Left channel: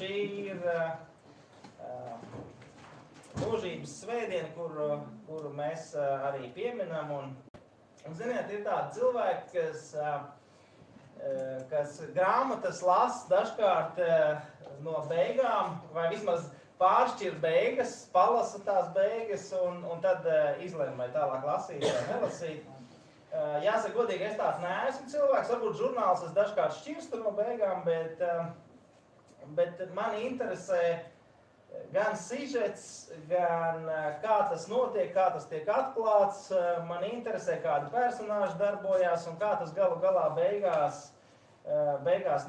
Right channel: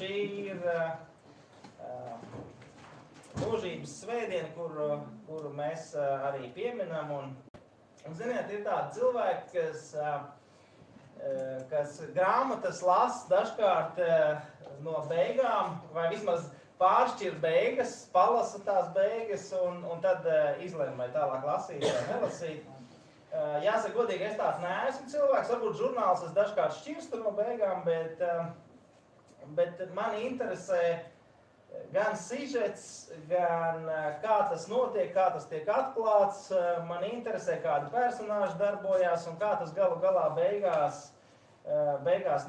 Šī ir mūžības svētdiena, kuru mēs arī pieminam. Un ziniet, ir tādi cilvēki, kas grāmatas lasa dažkārt no beigām, vai vismaz pāršķir beigas, palasa tās beigas un tad izlēma, vai tālāk lasīt vai nelasīt. Jāsaka godīgi, es tāds neesmu cilvēks, varbūt žurnāls dažkārt šķirstu no beigām, bet mani interesē gan sižets, gan kā tas notiek, kā tas tiek atklāts. Mani interesē, kādi personāži darbojās un kā tas galu galā beigās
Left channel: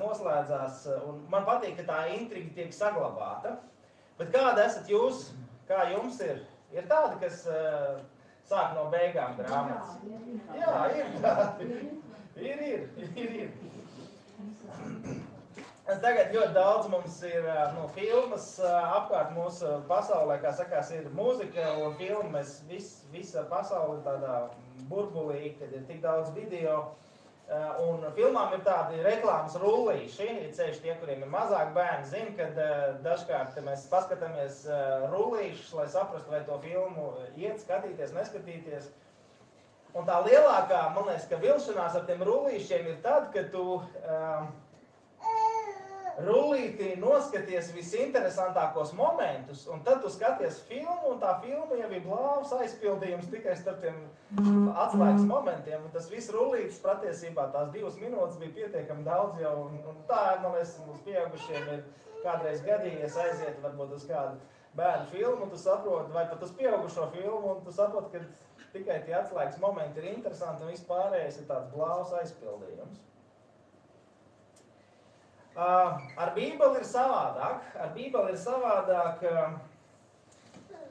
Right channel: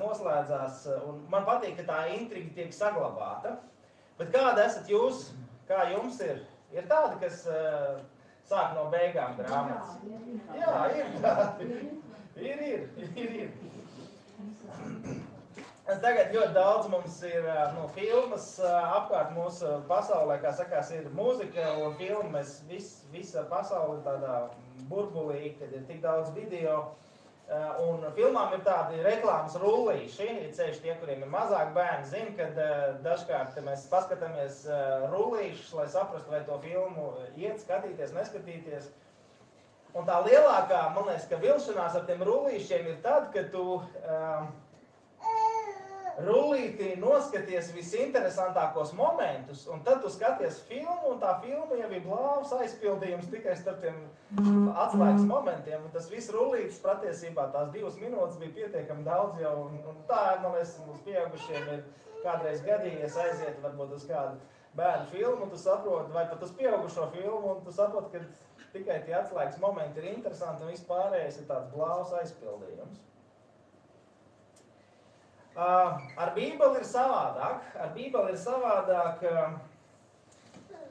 noslēdzās. Un man patīk, ka tā intriga tiek saglabāta. Bet kāda esat jūs? Kā jums ir? Ir tādi, kas sāk no beigām grāmatas? Jā, ir tādi. Ir. Tagad ļoti daudz mums ir filmas apkārt mūsu pasaulē, kā sakās, ir mūzika un filma. Mēs visa pasaule tādā burbulī, kad ir tik daudz video. Un filmām ir tādi reklāmas rullīši. Ir ceļš tie, kuriem ir mazāk bērni, zina, kad dažkārt mēs paskatāmies rullīšus, lai saprastu, vai to filmu iet skatīties, neskatīties. Un tā lielākā, man liekas, ka vilšanās ar tiem rullīšiem ir tad, kad tu rullītī noskaties visinteresantākos momentus, un tad tu skaties filmu, un tā filma jau ir blāvs aizpildījums tikai starp tiem atslēgas momentiem, un tas viss rullītis patiesībā tās 2 minūtes bija pietiekami daudz jau, un tā, man liekas, mums pieaugušiem ir kādreiz gadījies aiziet varbūt uz kādu bērnu filmu, un tu saproti, vai pat uz pieaugušo filmu, un tu saproti, ka tikai tie atslēgas momenti ir interesanti, un viss pārējais ir tāds blāvs aizpildījums. Ar Bībeli ir savādāk.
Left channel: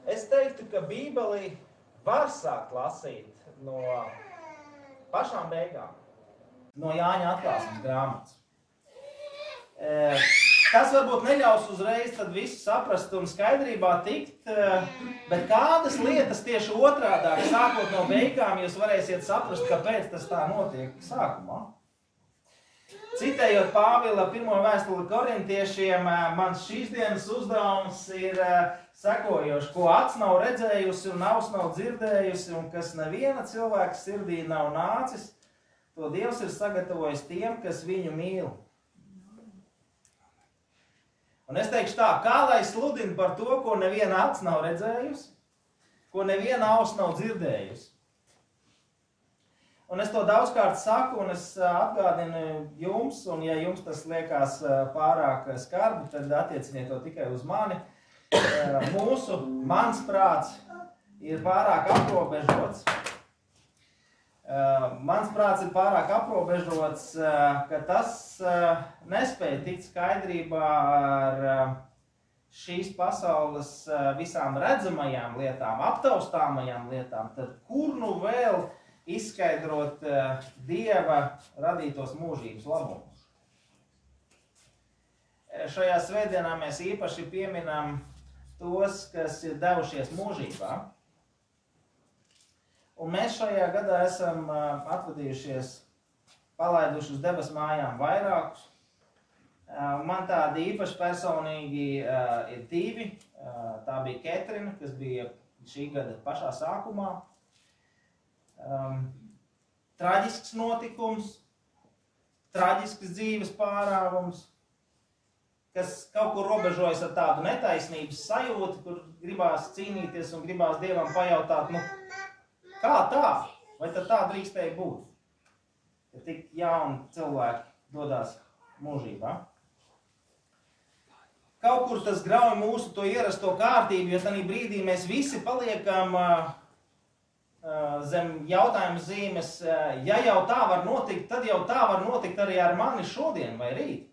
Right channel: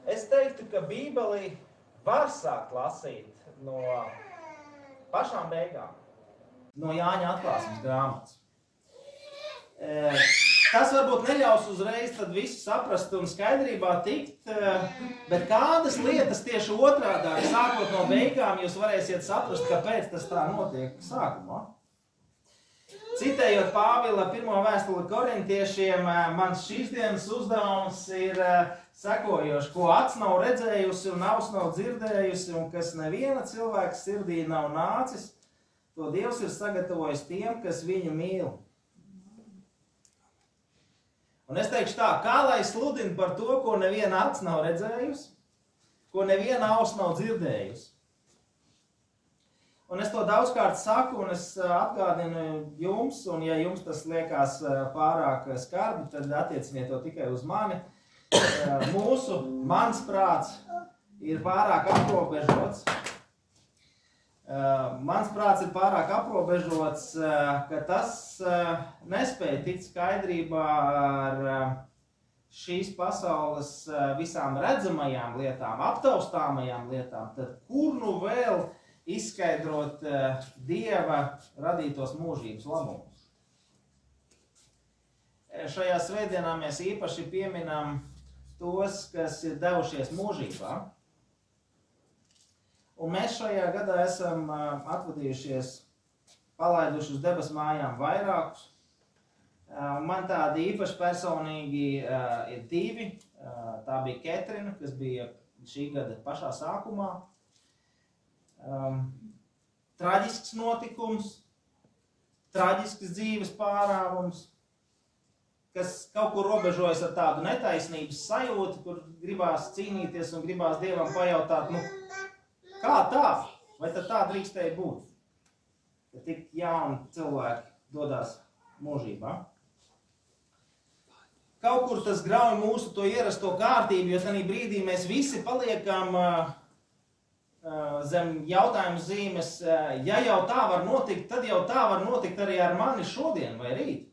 Es teiktu, ka Bībeli var sākt lasīt no pašām beigām, no Jāņa atklāsmes grāmatas. Tas varbūt neļaus uzreiz tad visu saprast un skaidrībā tikt, bet kādas lietas tieši otrādāk, sākot no beigām, jūs varēsiet saprast, kāpēc tas tā notiek sākumā. Citējot Pāvila 1. vēstuli korintiešiem, mans šīs dienas uzdevums ir sekojošs, ko acs nav redzējusi un auss nav dzirdējusi, un kas neviena cilvēka sirdī nav nācis, to Dievs ir sagatavojis tiem, kas viņu mīl. Un es teikšu tā, kā lai sludina par to, ko neviena acs nav redzējusi, ko neviena auss nav dzirdējusi. Un es to daudzkārt saku, un es atgādinu jums, un ja jums tas liekas pārāk skarbi, tad attieciniet to tikai uz mani. Mans prāts ir pārāk aprobežots. Mans prāts ir pārāk aprobežots, ka tas nespēja tikt skaidrībā ar šīs pasaules visām redzamajām lietām, aptaustāmajām lietām, tad kur nu vēl izskaidrot Dieva radītos mūžības labumus. Šajā svētdienā mēs īpaši pieminam tos, kas ir devušies mūžībā. Un mēs šajā gadā esam atvadījušies, palaiduši uz debes mājām vairākus. Man tādi īpaši personīgi ir 2. Tā bija Ketrina, kas bija šī gada pašā sākumā. Traģisks notikums, traģisks dzīves pārāvums, kas kaut kur robežojas ar tādu netaisnības sajūtu, kur gribās cīnīties un gribās Dievam pajautāt, kā tā? Vai tad tā drīkstēja būt? Ka tik jauni cilvēki dodās mūžībā. Kaut kur tas grauj mūsu to ierasto kārtību, jo tanī brīdī mēs visi paliekam zem jautājuma zīmes, ja jau tā var notikt, tad jau tā var notikt arī ar mani šodien vai rīt.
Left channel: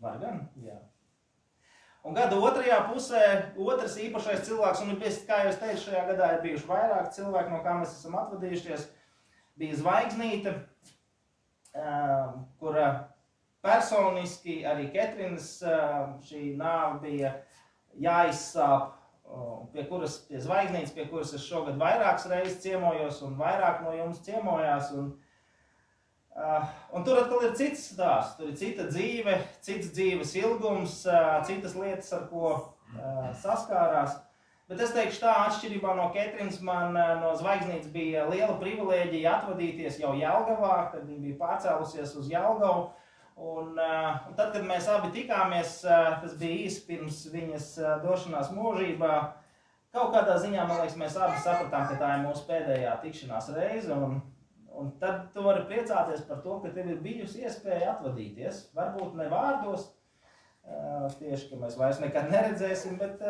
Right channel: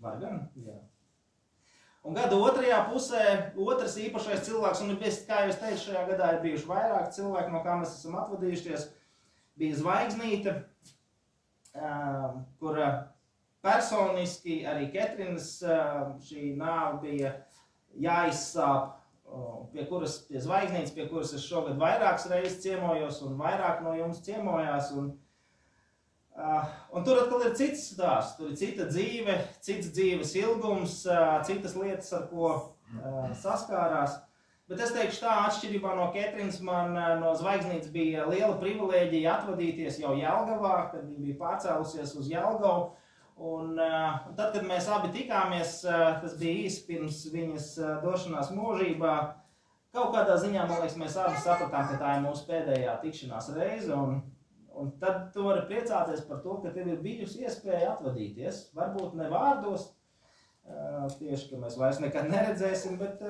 Var gan? Jā. Un gada otrajā pusē otrs īpašais cilvēks, un kā jau es teicu, šajā gadā ir bijuši vairāk cilvēki, no kā mēs esam atvadījušies, bija Zvaigznīte, kura personiski arī Ketrinas šī nāve bija jāizsāp, pie Zvaigznītes, pie kuras es šogad vairākas reizes ciemojos un vairāk no jums ciemojās. Un Un tur atkal ir cits stāsts, tur ir cita dzīve, cits dzīves ilgums, citas lietas, ar ko saskārās. Bet es teikšu tā, atšķirībā no Ketrinas, man no Zvaigznītes bija liela privilēģija atvadīties jau Jelgavā, kad viņa bija pārcēlusies uz Jelgavu. Un tad, kad mēs abi tikāmies, tas bija īsi pirms viņas došanās mūžībā, kaut kādā ziņā, man liekas, mēs abi sapratām, ka tā ir mūsu pēdējā tikšanās reize. Un tad tu vari priecāties par to, ka tev ir bijusi iespēja atvadīties. Varbūt ne vārdos, tieši, ka mēs vairs nekad neredzēsim, bet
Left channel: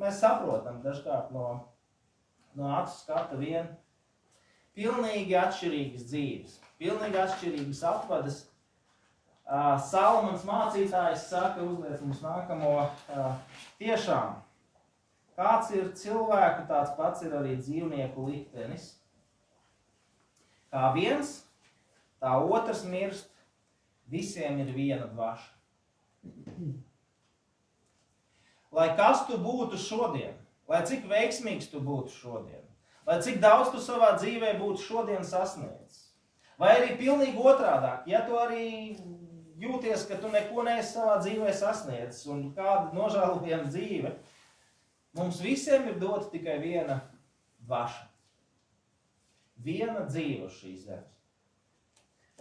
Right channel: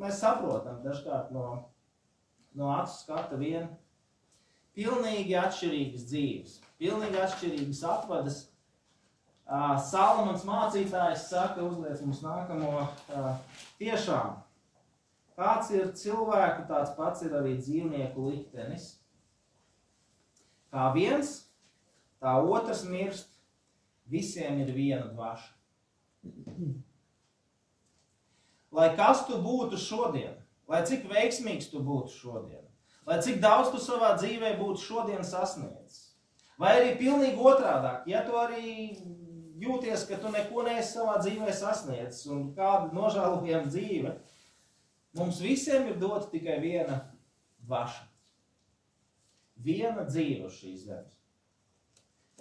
mēs saprotam dažkārt no acu skata vien pilnīgi atšķirīgas dzīves, pilnīgi atšķirīgas atvadas. Salmans mācītājs saka, uzliec mums nākamo, tiešām, kāds ir cilvēku, tāds pats ir arī dzīvnieku liktenis. Kā viens, tā otrs mirst, visiem ir viena dvaša. Lai kas tu būtu šodien, lai cik veiksmīgs tu būtu šodien, lai cik daudz tu savā dzīvē būtu šodien sasniedzis, vai arī pilnīgi otrādāk, ja tu arī jūties, ka tu neko neesi savā dzīvē sasniedzis un kāda nožēlojama dzīve, mums visiem ir dota tikai viena dvaša. Viena dzīve uz šīs zemes.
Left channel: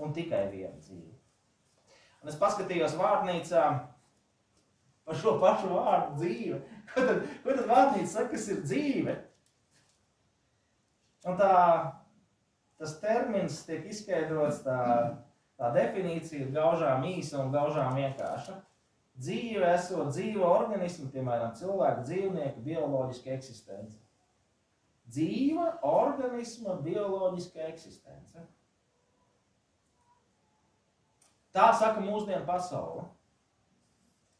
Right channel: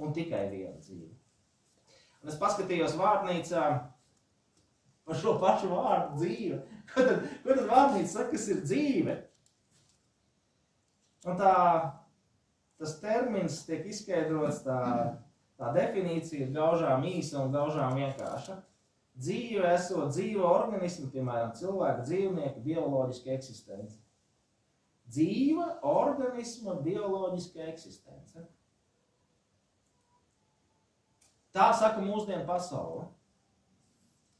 Un tikai viena dzīve. Un es paskatījos vārnīcā par šo pašu vārdu dzīve. Ko tad vārnīca saka, kas ir dzīve? Un tas termins tiek izskaidrots, tā definīcija ir gaužām īsa un gaužām vienkārša. Dzīve esot dzīva organisma, piemēram, cilvēku, dzīvnieku, bioloģiska eksistence. Dzīva organisma bioloģiska eksistence. Tā saka mūsdienu pasaule.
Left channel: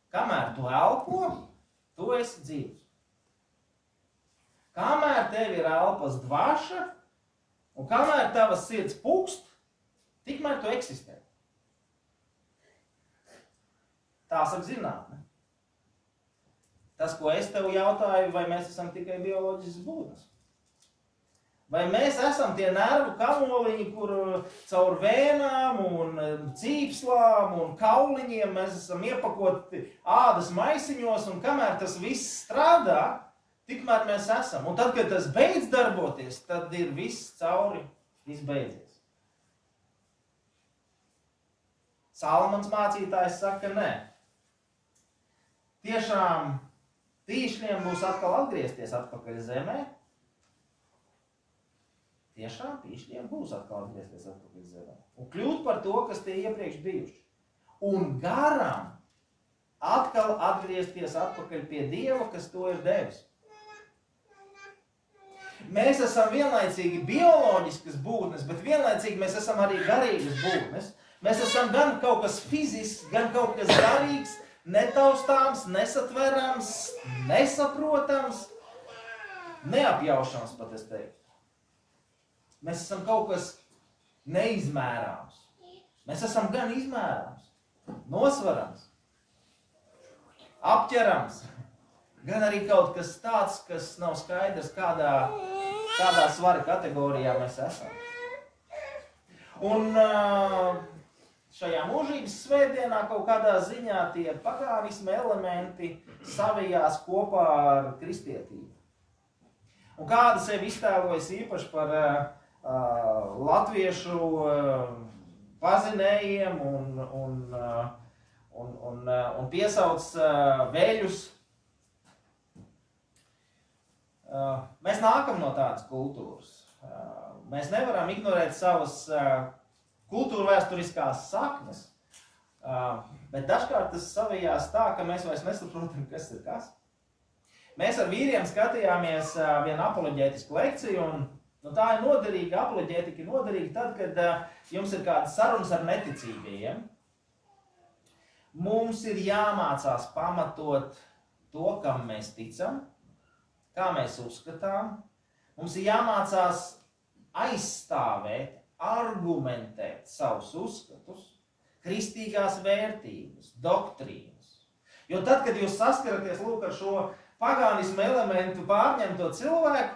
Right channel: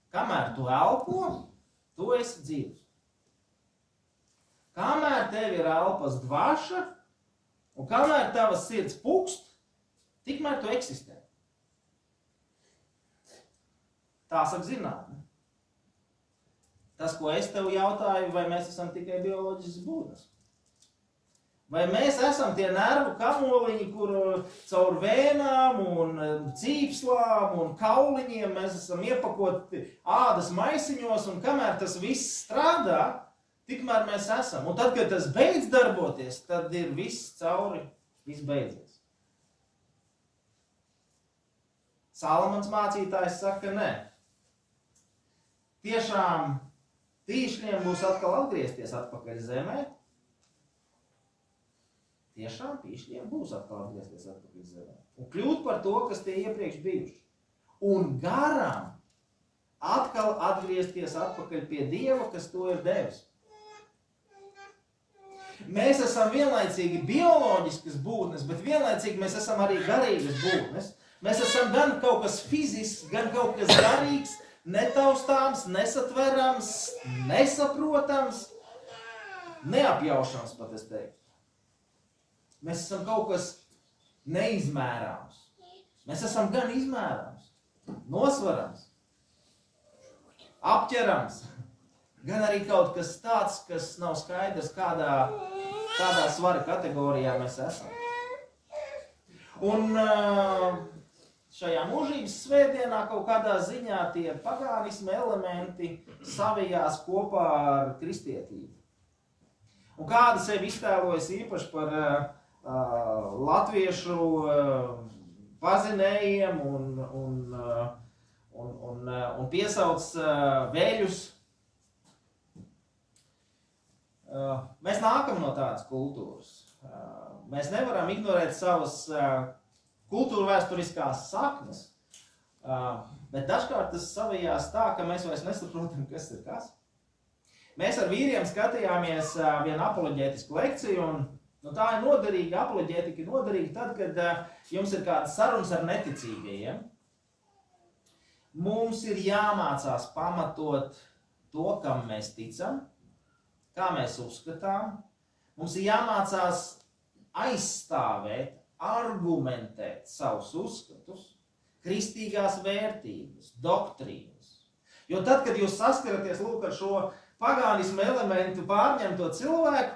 Kamēr tu elpo, tu esi dzīvs. Kamēr tev ir elpas dvaša, un kamēr tavas sirds pukst, tikmēr tu eksistē. Tā saka zinātne. Tas, ko es tev jautāju, vai mēs esam tikai bioloģisks būtnes? Vai mēs esam tie nervu kamoliņi, kur caur vēnām un cīpslām un kauliņiem mēs esam iepakoti ādas maisiņos, un kamēr tas viss strādā, tikmēr mēs esam. Un tad, kad tas beidz darboties, tad ir viss cauri, viss beidzies. Salmans mācītājs saka, nē. Tiešām tīšļiem būs atkal atgriezties atpakaļ zemē. Tiešām pīšļiem būs atkal atgriezties atpakaļ zemē. Un kļūt par to, kas tie iepriekš bijuši. Un garam atkal atgriezties atpakaļ pie Dieva, kas to ir devis. Mēs esam vienlaicīgi bioloģiskas būtnes, bet vienlaicīgi mēs esam arī garīgas būtnes. Mēs esam gan kaut kas fizisks, gan kaut kas garīgs, netaustāms, nesatverams, nesaprotams, neapjaušams pat es teiktu. Mēs esam kaut kas neizmērāms. Mēs esam gan izmērāms, nosvarams, apķerams, gan arī kaut kas tāds, kas nav skaidrs, kādā svara kategorijā mēs esam. Un šajā mūžības svētdienā kaut kādā ziņā tie pagānisma elementi savijās kopā ar kristietību. Un kāda sevi iztēlojas īpaši par latviešu pazinējiem un piesauc veļus. Mēs nākam no tādas kultūras. Mēs nevaram ignorēt savas kultūrvēsturiskās saknes, bet dažkārt tas savijās tā, ka mēs vairs nesaprotam, kas ir kas. Mēs ar vīriem skatījāmies vienu apoloģētisku lekciju, un tā ir noderīga, apoloģētika ir noderīga tad, kad jums ir kādas sarunas ar neticīgajiem. Mums ir jāmācās pamatot to, kam mēs ticam, kā mēs uzskatām. Mums ir jāmācās aizstāvēt, argumentēt savus uzskatus, kristīgās vērtības, doktrīnas. Jo tad, kad jūs saskaraties lūk ar šo pagānismu elementu pārņemto cilvēku,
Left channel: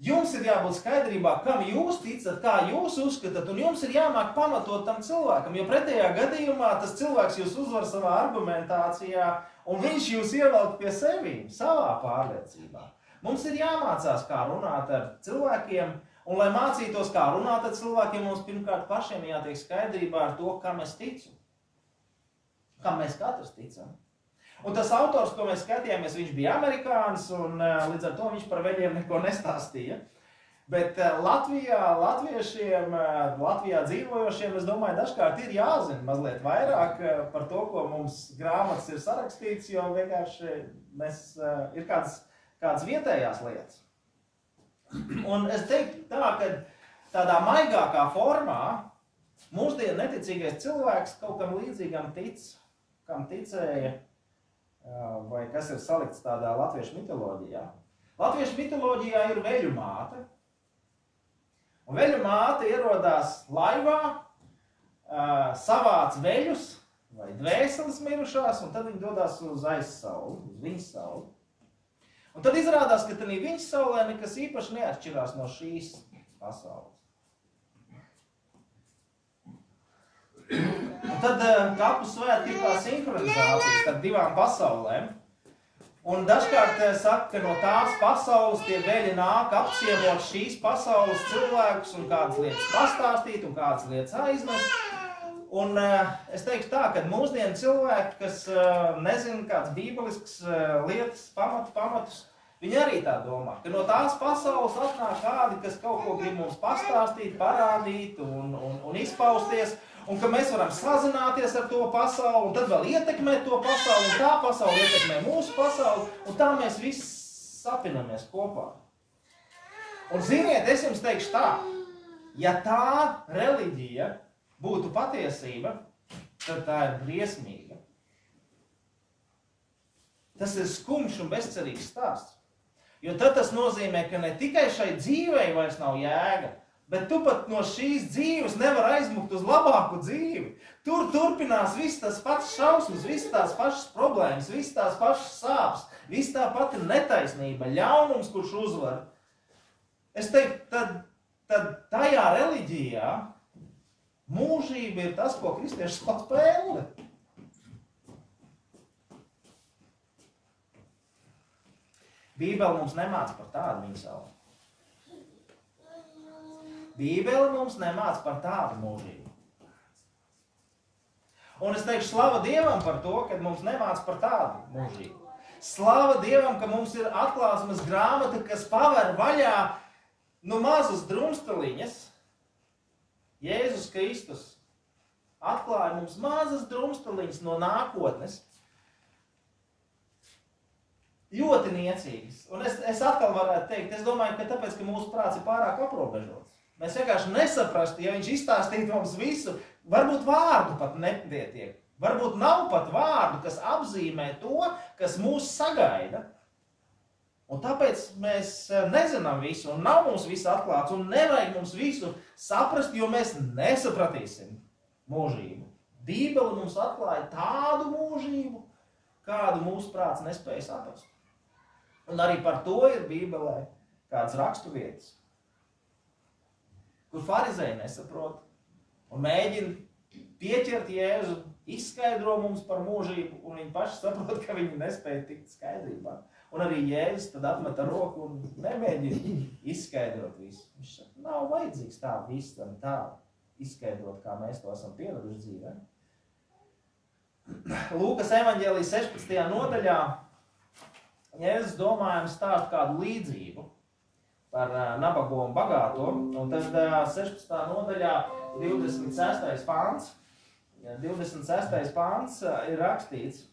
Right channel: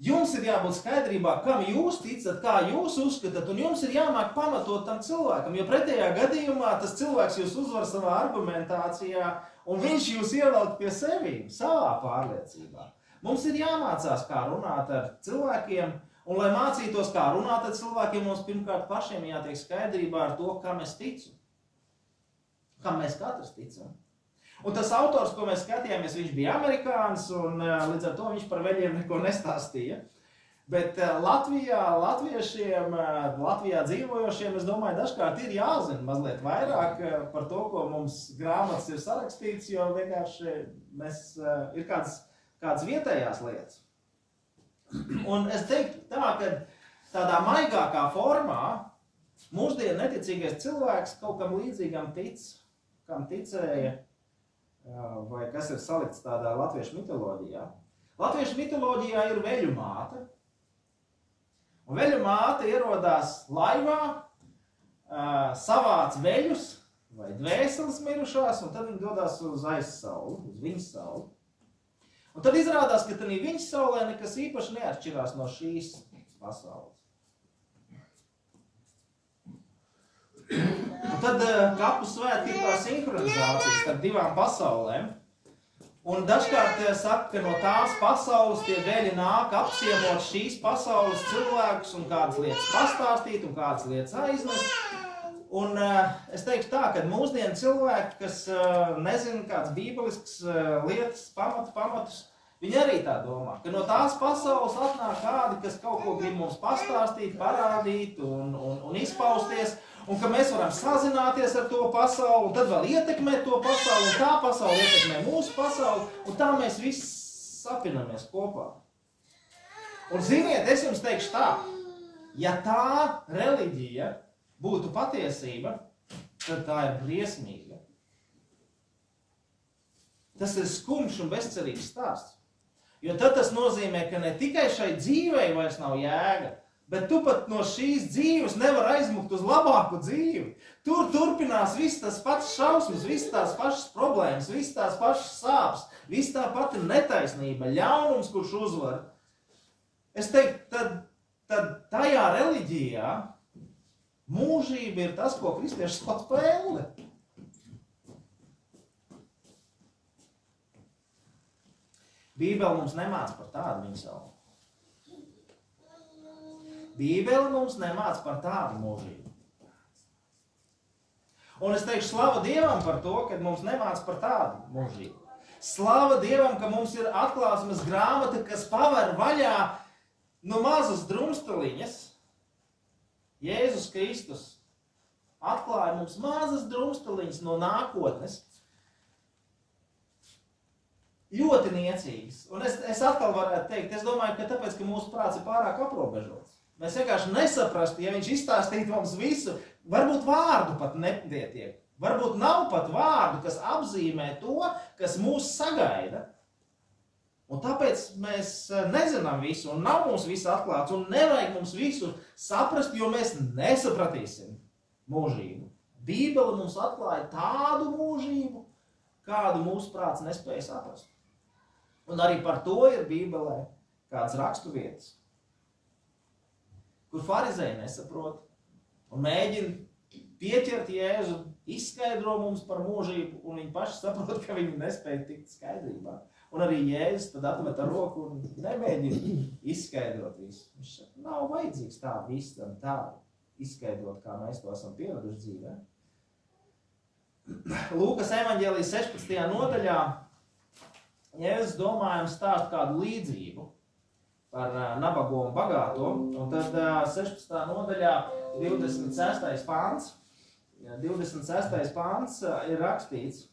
Jums ir jābūt skaidrībā, kam jūs ticat, kā jūs uzskatāt, un jums ir jāmāk pamatot tam cilvēkam, jo pretējā gadījumā tas cilvēks jūs uzvar savā argumentācijā, un viņš jūs ievelk pie sevīm, savā pārliecībā. Mums ir jāmācās, kā runāt ar cilvēkiem, un lai mācītos, kā runāt ar cilvēkiem, mums pirmkārt pašiem jātiek skaidrībā ar to, kam es ticu. Kam mēs katrs ticam. Un tas autors, ko mēs skatījāmies, viņš bija amerikānis, un līdz ar to viņš par veļiem neko nestāstīja. Bet latviešiem, Latvijā dzīvojošiem, es domāju, dažkārt ir jāzina mazliet vairāk par to, ko mums grāmatas ir sarakstīts, jo vienkārši ir kādas vietējās lietas. Un es teiktu tā, ka tādā maigākā formā mūsdienu neticīgais cilvēks kaut kam līdzīgam tic, kam ticēja, vai kas ir salikts tādā latviešu mitoloģijā. Latviešu mitoloģijā ir veļu māte. Un veļu māte ierodās laivā, savāc veļus vai dvēseles mirušās, un tad viņi dodās uz aizsauli, uz viņas sauli. Un tad izrādās, ka tādā viņas saulē nekas īpaši neatšķirās no šīs pasaules. Un tad kapu svētki ir tā sinhronizācija starp divām pasaulēm. Un dažkārt saka, ka no tās pasaules tie veļi nāk apciemot šīs pasaules cilvēkus un kādas lietas pastāstīt un kādas lietas aiznest. Un es teiktu tā, ka mūsdienu cilvēki, kas nezina kāds bībelisks lietas pamatus, viņi arī tā domā, ka no tās pasaules atnāk kādi, kas kaut ko grib mums pastāstīt, parādīt un izpausties, un ka mēs varam sazināties ar to pasauli, un tad vēl ietekmēt to pasauli, un tā pasauli ietekmē mūsu pasauli, un tā mēs visi sapinamies kopā. Un ziniet, es jums teikšu tā, ja tā reliģija būtu patiesība, tad tā ir briesmīga. Tas ir skumjš un bezcerīgs stāsts. Jo tad tas nozīmē, ka ne tikai šai dzīvei vairs nav jēga, bet tu pat no šīs dzīves nevar aizmukt uz labāku dzīvi. Tur turpinās viss tas pats šausmas, viss tās pašas problēmas, viss tās pašas sāpes, viss tā pati netaisnība, ļaunums, kurš uzvar. Es teiktu, tad tajā reliģijā mūžība ir tas, ko kristieši sauc par elli. Bībele mums nemāca par tādu viņa savu. Bībele mums nemāca par tādu mūžību. Un es teikšu slava Dievam par to, ka mums nemāca par tādu mūžību. Slava Dievam, ka mums ir atklāsmes grāmata, kas paver vaļā mazas drumstaliņas. Jēzus Kristus atklāja mums mazas drumstaliņas no nākotnes. Ļoti niecīgas. Un es atkal varētu teikt, es domāju, ka tāpēc, ka mūsu prāts ir pārāk aprobežots. Mēs vienkārši nesaprastu, ja viņš izstāstītu mums visu, varbūt vārdu pat nepietiek. Varbūt nav pat vārdu, kas apzīmē to, kas mūs sagaida. Un tāpēc mēs nezinām visu, un nav mums viss atklāts, un nevajag mums visu saprast, jo mēs nesapratīsim mūžību. Bībele mums atklāja tādu mūžību, kādu mūsu prāts nespēja saprast. Un arī par to ir Bībelē kādas raksturvietas, kur farizēji nesaprot un mēģina pieķert Jēzu, izskaidro mums par mūžību, un viņi paši saprot, ka viņi nespēja tikt skaidrībā. Un arī Jēzus tad atmet ar roku un nemēģina izskaidrot visu. Viņš saka, nav vajadzīgs tā visam tā izskaidrot, kā mēs to esam pieraduši dzīvē. Lūkas evaņģēlijas 16. nodaļā Jēzus domājams stāst kādu līdzību par nabago un bagāto, un tad 16. nodaļā 26. pāns, 26. pāns ir rakstīts,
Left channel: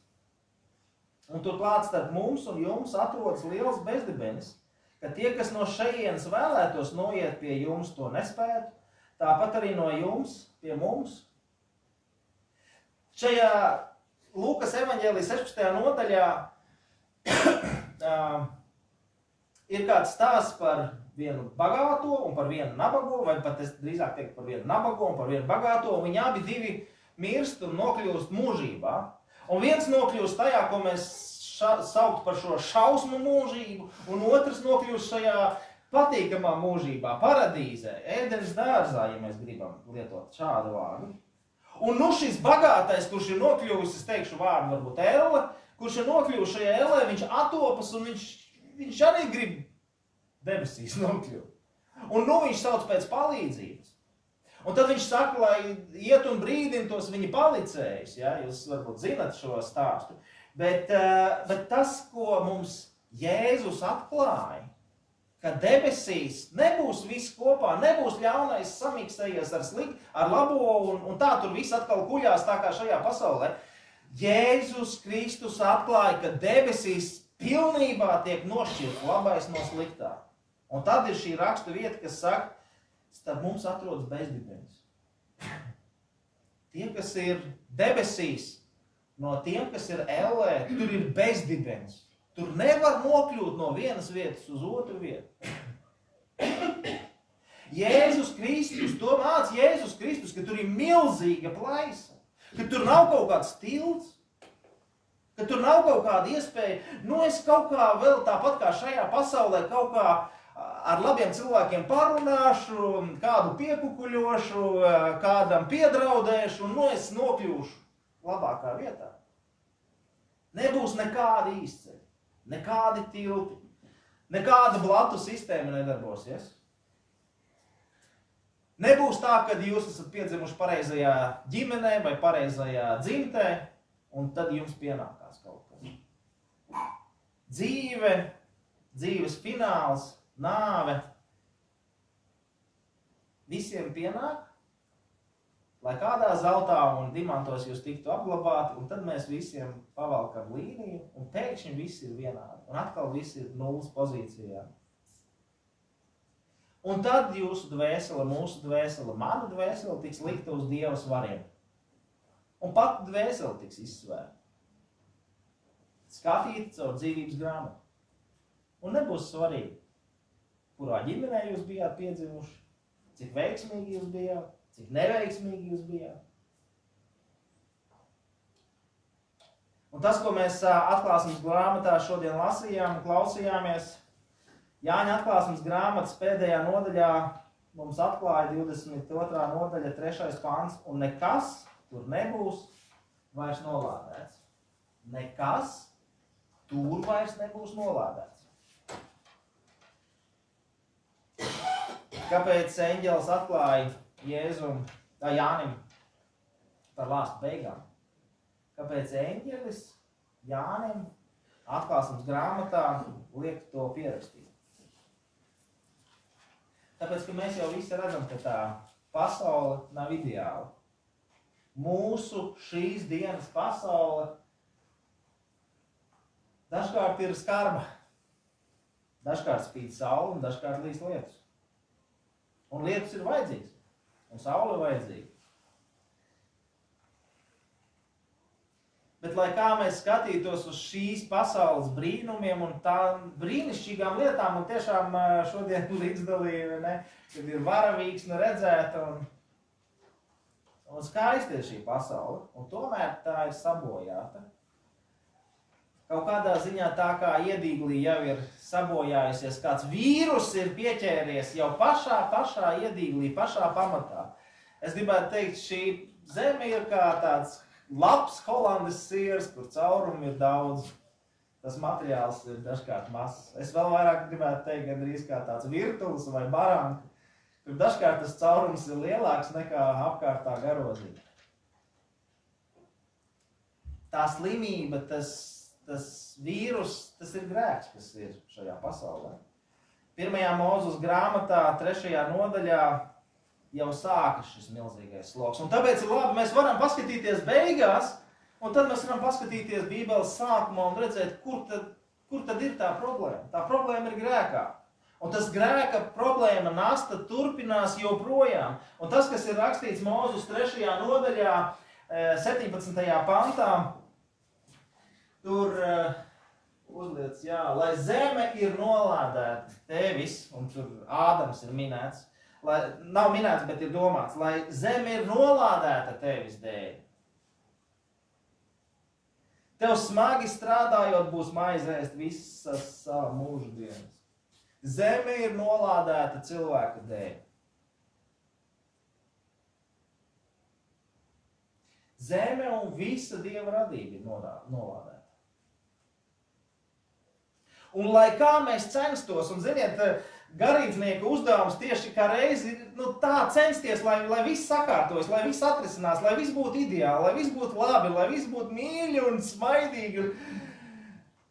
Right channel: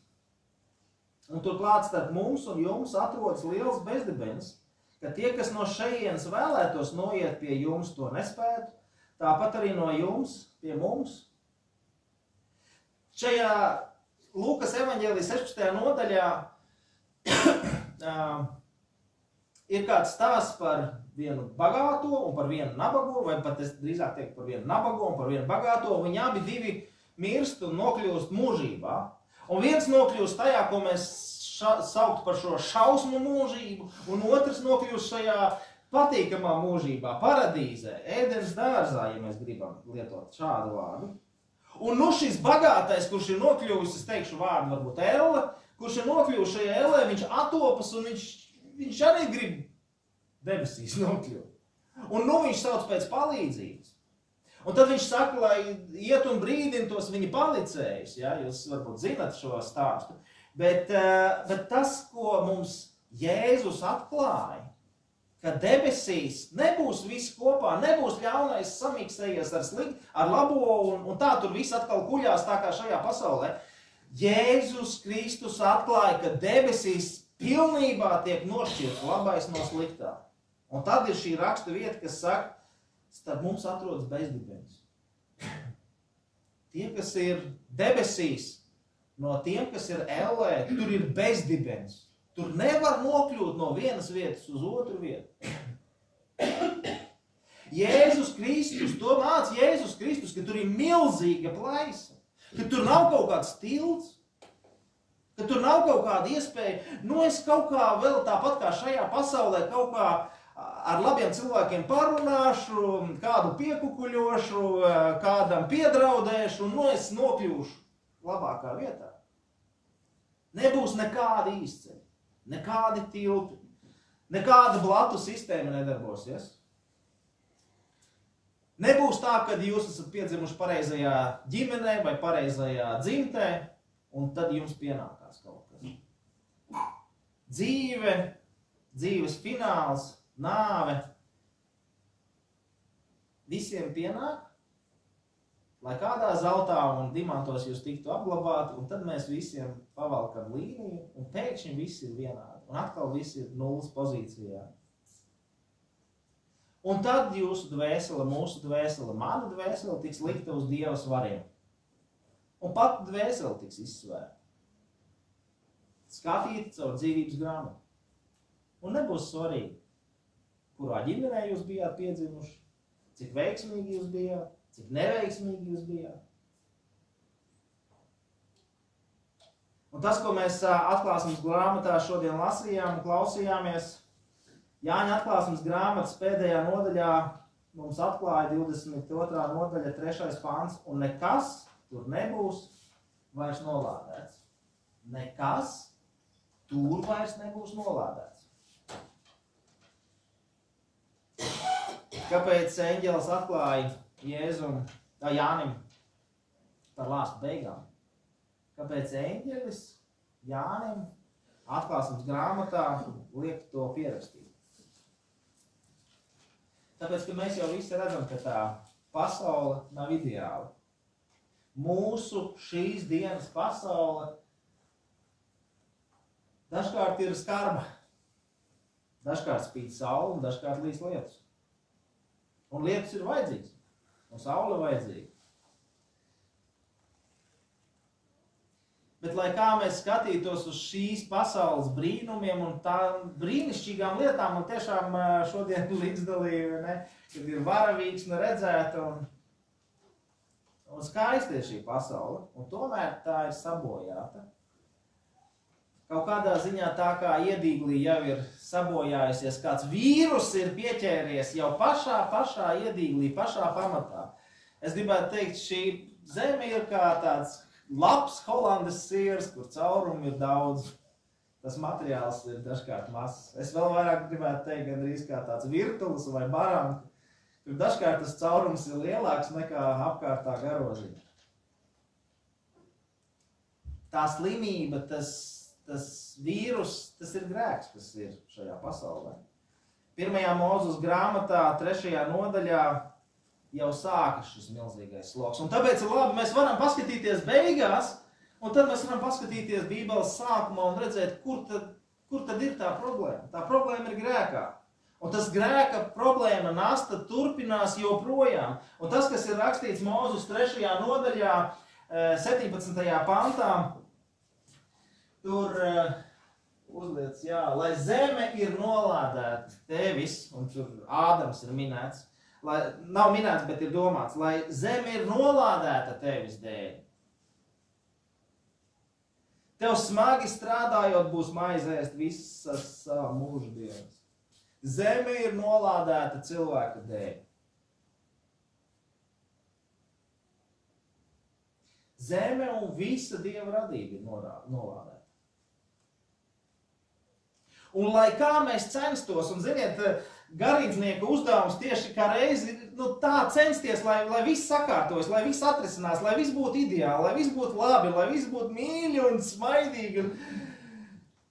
un turklāt starp mums un jums atrodas liels bezdibenis, ka tie, kas no šejienes vēlētos noiet pie jums, to nespētu, tāpat arī no jums pie mums. Šajā Lūkas evaņģēlijas 16. nodaļā ir kāds stāsts par vienu bagāto un par vienu nabago, vai pat es drīzāk teiktu par vienu nabago un par vienu bagāto, un viņi abi divi mirst un nokļūst mūžībā. Un viens nokļūst tajā, ko mēs saukt par šo šausmu mūžību, un otrs nokļūst šajā patīkamā mūžībā, paradīzē, ēdens dārzā, ja mēs gribam lietot šādu vārdu. Un nu šis bagātais, kurš ir nokļuvis, es teikšu vārdu varbūt elle, kurš ir nokļuvis šajā ellē, viņš atopas un viņš arī grib debesīs nokļūt. Un nu viņš sauc pēc palīdzības. Un tad viņš saka, lai iet un brīdina tos viņa palicējus, ja? Jūs varbūt zinat šo stāstu. Bet tas, ko mums Jēzus atklāja, ka debesīs nebūs viss kopā, nebūs ļaunais samīkstējies ar labo un tā tur viss atkal kuļās tā kā šajā pasaulē. Jēzus Kristus atklāja, ka debesīs pilnībā tiek nošķirts labais no sliktā. Un tad ir šī raksta vieta, kas saka, starp mums atrodas bezdibens. Tie, kas ir debesīs, no tiem, kas ir ellē, tur ir bezdibens. Tur nevar nokļūt no vienas vietas uz otru vietu. Jēzus Kristus, to māca Jēzus Kristus, ka tur ir milzīga plaisa, ka tur nav kaut kāds tilts, ka tur nav kaut kāda iespēja, es kaut kā vēl tāpat kā šajā pasaulē kaut kā ar labiem cilvēkiem parunāšu, kādu piekukuļošu, kādam piedraudēšu, un es nokļūšu labākā vietā. Nebūs nekāda izceļa. Nekādi tilti, nekāda blatu sistēma nedarbosies. Nebūs tā, ka jūs esat piedzimuši pareizajā ģimenē vai pareizajā dzimtē, un tad jums pienākās kaut kas. Dzīve, dzīves fināls, nāve, visiem pienāk, lai kādā zeltā un dimantos jūs tiktu apglabāti, un tad mēs visiem pavalkam līniju, un pēkšņi viss ir vienādi, un atkal viss ir nulles pozīcijā. Un tad jūsu dvēsele, mūsu dvēsele, mana dvēsele tiks likta uz Dieva svariem. Un pat dvēsele tiks izsvērta. Skatīta caur dzīvības grāmatu. Un nebūs svarīgi, kurā ģimenē jūs bijāt piedzimuši, cik veiksmīgi jūs bijāt, cik neveiksmīgi jūs bijāt. Un tas, ko mēs atklāsmes grāmatā šodien lasījām un klausījāmies, Jāņa atklāsmes grāmatas pēdējā nodaļā mums atklāja 22. nodaļa 3. pants, un nekas tur nebūs vairs nolādēts. Nekas tur vairs nebūs nolādēts. Kāpēc eņģelis atklāja Jānim par lāstu beigām? Kāpēc eņģelis Jānim atklāsmes grāmatā liek to pierakstīt? Tāpēc, ka mēs jau visi redzam, ka tā pasaule nav ideāla. Mūsu šīs dienas pasaule dažkārt ir skarba. Dažkārt spīd saule un dažkārt līs lietus. Un lietus ir vajadzīgs. Un saule ir vajadzīga. Bet, lai kā mēs skatītos uz šīs pasaules brīnumiem un tām brīnišķīgām lietām, man tiešām šodien līdzdalīja, kad ir varavīksne redzēta un skaisti ir šī pasaule, un tomēr tā ir sabojāta. Kaut kādā ziņā tā kā iedīglī jau ir sabojājusies, kāds vīrus ir pieķēries jau pašā iedīglī, pašā pamatā. Es gribētu teikt, šī zeme ir kā tāds labs holandes siers, kur caurumi ir daudz. Tas materiāls ir dažkārt mazs. Es vēl vairāk gribētu teikt, gandrīz kā tāds virtulis vai baranka, kur dažkārt tas caurums ir lielāks nekā apkārtā garoziņa. Tā slimība, tas vīrus, tas ir grēks, kas ir šajā pasaulē. 1. Mūzes grāmatā, 3. nodaļā, jau sākas šis milzīgais sloks. Un tāpēc ir labi, mēs varam paskatīties beigās, un tad mēs varam paskatīties Bībeles sākumā un redzēt, kur tad ir tā problēma. Tā problēma ir grēkā. Un tas grēka problēma nasta turpinās joprojām. Un tas, kas ir rakstīts Mūzes 3. nodaļā, 17. pantā, tur uzliec, lai zeme ir nolādēta tevis, un tur Ādams ir minēts, nav minēts, bet ir domāts, lai zeme ir nolādēta tevis dēļ. Tev smagi strādājot būs maize ēst visas savu mūžu dienas. Zeme ir nolādēta cilvēka dēļ. Zeme un visa Dieva radība ir nolādēta. Un lai kā mēs censtos, un ziniet, garīdznieka uzdevums tieši kā reizi tā censties, lai viss sakārtojas, lai viss atrisinās, lai viss būtu ideāli, lai viss būtu labi, lai viss būtu mīļi un smaidīgi.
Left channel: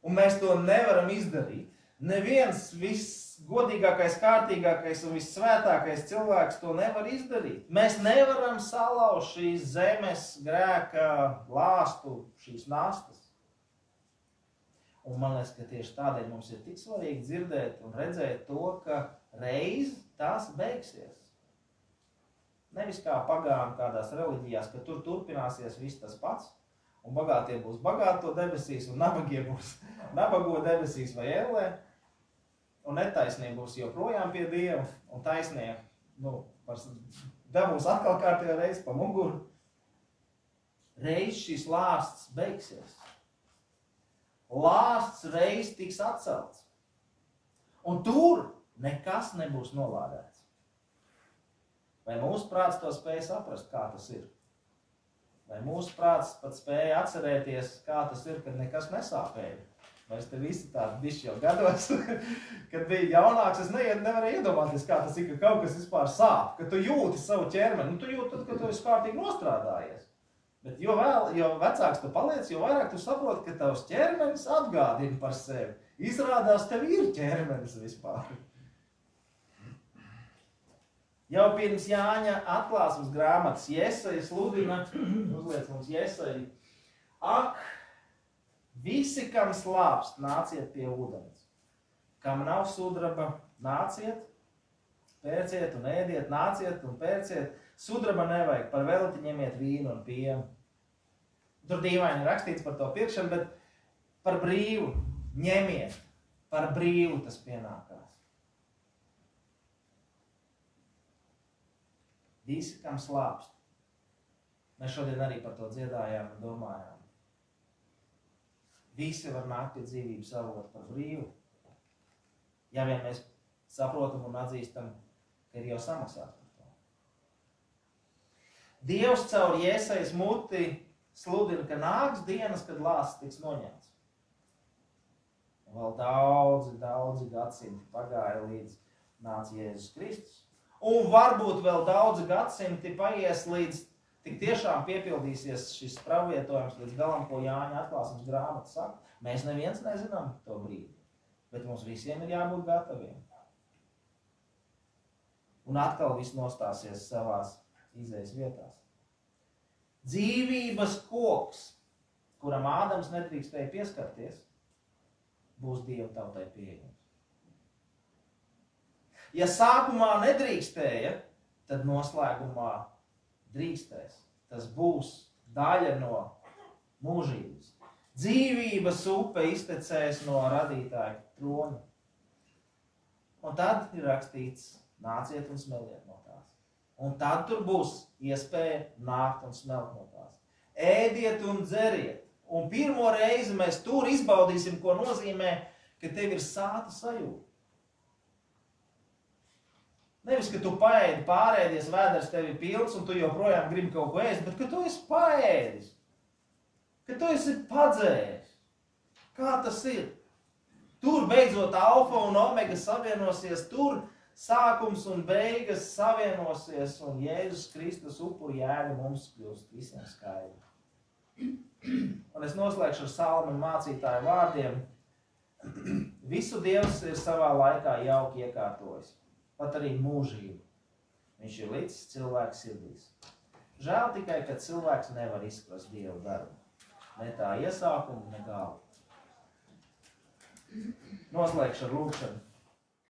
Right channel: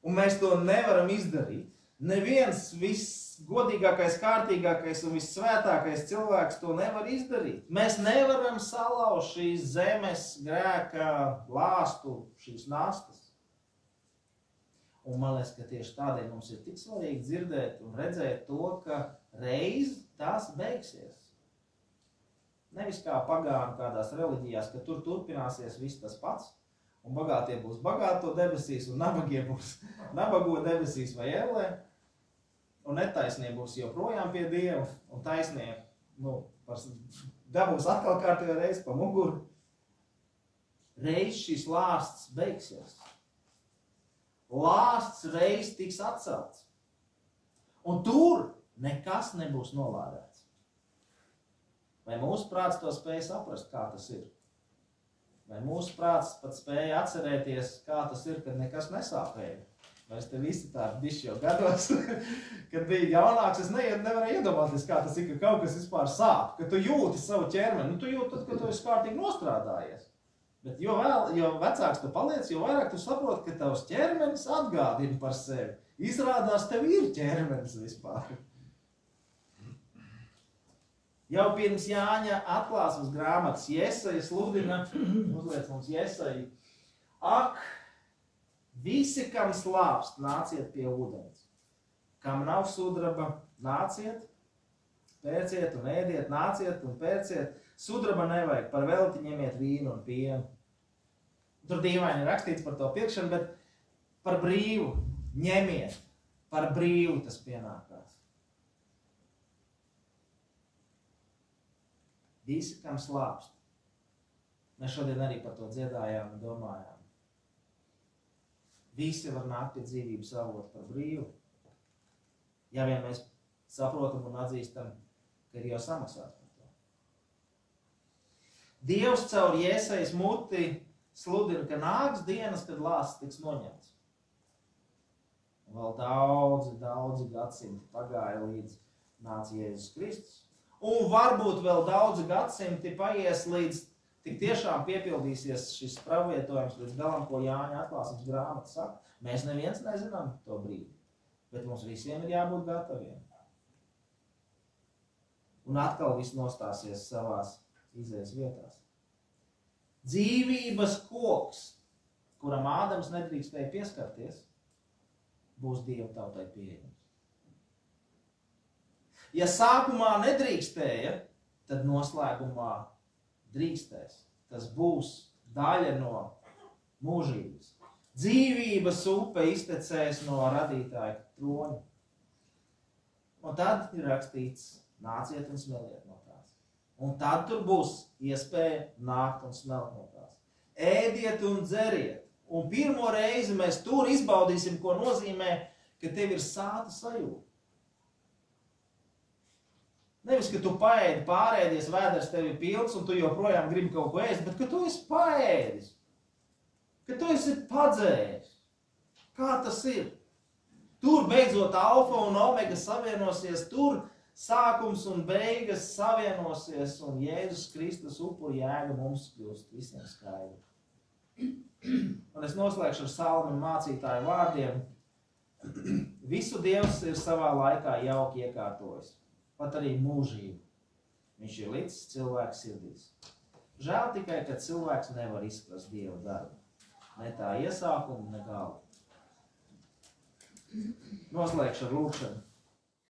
Un mēs to nevaram izdarīt. Neviens visgodīgākais, kārtīgākais un vissvētākais cilvēks to nevar izdarīt. Mēs nevaram salauzt šīs zemes grēka lāstu, šīs nastas. Un man liekas, ka tieši tādēļ mums ir tik svarīgi dzirdēt un redzēt to, ka reiz tās beigsies. Nevis kā pagānu kādās reliģijās, ka tur turpināsies viss tas pats, un bagātie būs bagāto debesīs, un nabagie būs nabago debesīs vai ellē, un netaisnie būs joprojām pie Dieva, un taisnie, dabūs atkal kārtībā reizi pa muguru. Reiz šis lāsts beigsies. Lāsts reiz tiks atcelts. Un tur nekas nebūs nolādēts. Vai mūsu prāts to spēja saprast, kā tas ir? Vai mūsu prāts pat spēja atcerēties, kā tas ir, kad nekas nesāpēja? Vai es te visi tādi bišķi jau gados, kad bija jaunāks, es nevarēju iedomāties, kā tas ir, ka kaut kas vispār sāp, ka tu jūti savu ķermeni. Tu jūti tad, kad tu esi kārtīgi nostrādājies. Bet jo vecāks tu paliec, jo vairāk tu saproti, ka tavs ķermenis atgādina par sevi. Izrādās, tev ir ķermenis vispār. Jau pirms Jāņa atklāsmes grāmatas Jesaja sludina, uzliec mums Jesaja, ak, visi, kam slāpst, nāciet pie ūdens. Kam nav sudraba, nāciet, pērciet un ēdiet, nāciet un pērciet. Sudraba nevajag, par velti ņemiet vīnu un pienu. Tur dīvaini rakstīts par to pirkšanu, bet par brīvu ņemiet. Par brīvu tas pienākās. Visi, kam slāpst. Mēs šodien arī par to dziedājām un domājām. Visi var nākt pie dzīvības avota par brīvu. Ja vien mēs saprotam un atzīstam, ka ir jau samaksāts par to. Dievs caur Jesajas muti sludina, ka nāks dienas, kad lāsts tiks noņemts. Un vēl daudzi gadsimti pagāja līdz nāca Jēzus Kristus. Un varbūt vēl daudzi gadsimti paies līdz tik tiešām piepildīsies šis pravietojums līdz galam, ko Jāņa atklāsmes grāmata saka. Mēs neviens nezinām to brīdi, bet mums visiem ir jābūt gataviem. Un atkal viss nostāsies savās izejas vietās. Dzīvības koks, kuram Ādams nedrīkstēja pieskarties, būs Dieva tautai pieejams. Ja sākumā nedrīkstēja, tad noslēgumā drīkstēs. Tas būs daļa no mūžības. Dzīvības upe iztecēs no radītāja troņa. Un tad ir rakstīts, nāciet un smeliet no tās. Un tad tur būs iespēja nākt un smelt no tās. Ēdiet un dzeriet. Un pirmo reizi mēs tur izbaudīsim, ko nozīmē, ka tev ir sāta sajūta. Nevis, ka tu paēdi, pārēdies, vēders tev ir pilns un tu joprojām gribi kaut ko ēst, bet ka tu esi paēdis. Ka tu esi padzēris. Kā tas ir? Tur beidzot alfa un omega savienosies, tur sākums un beigas savienosies un Jēzus Kristus upuru jēga mums kļūst visiem skaidri. Un es noslēgšu ar Salma mācītāju vārdiem. Visu Dievs ir savā laikā jauki iekārtojis, pat arī mūžību. Viņš ir līdz cilvēku sirdīs. Žēl tikai, ka cilvēks nevar izprast Dievu darbu. Ne tā iesākumu, ne galu. Noslēgšu ar lūkšanu.